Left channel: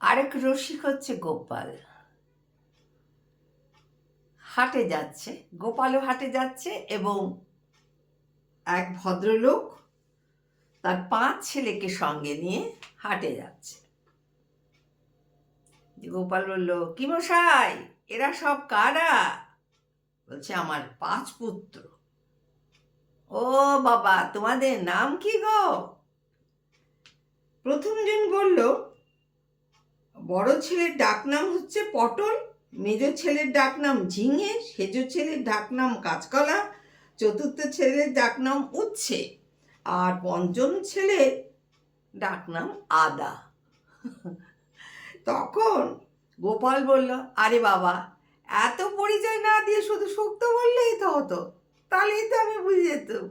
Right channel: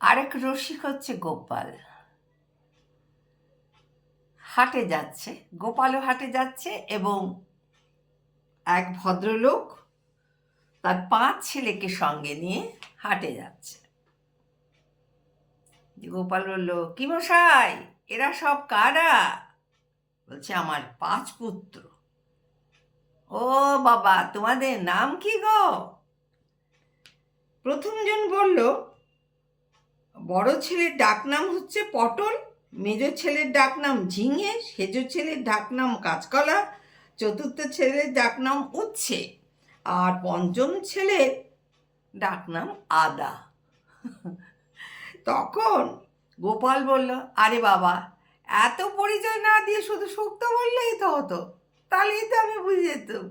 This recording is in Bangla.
আরেক রসিক হচ্ছে গোপাল। হাটে যাচ্ছে, গোপালও হাটে যাচ্ছে এবং এক ভদ্রলোক তার 5 ছেলেকে সঙ্গে নিয়ে হাটে যাচ্ছে। গোপাল বলল, কি মশাই, এরা সব কারা? বলছে, আমার 5 পুত্র। ও বাবা, তোমাদের নাম কি গো? প্রথমজন বলল, বড় ছেলের ডাকনাম হচ্ছে পটল, মেজ ছেলের ডাকনাম ঝিঙে, সেজ ছেলের ডাকনাম কাঁচকলা, চতুর্থ ছেলের ডাকনাম উচ্ছে, আর পঞ্চম ছেলের ডাকনাম আদা। তখন গোপাল বলল, আরে বাবা, এত পরিচয় না দিয়ে শুধু শুক্তো বললেই তো হতো, তাহলেই তো আমি বুঝে যেতাম।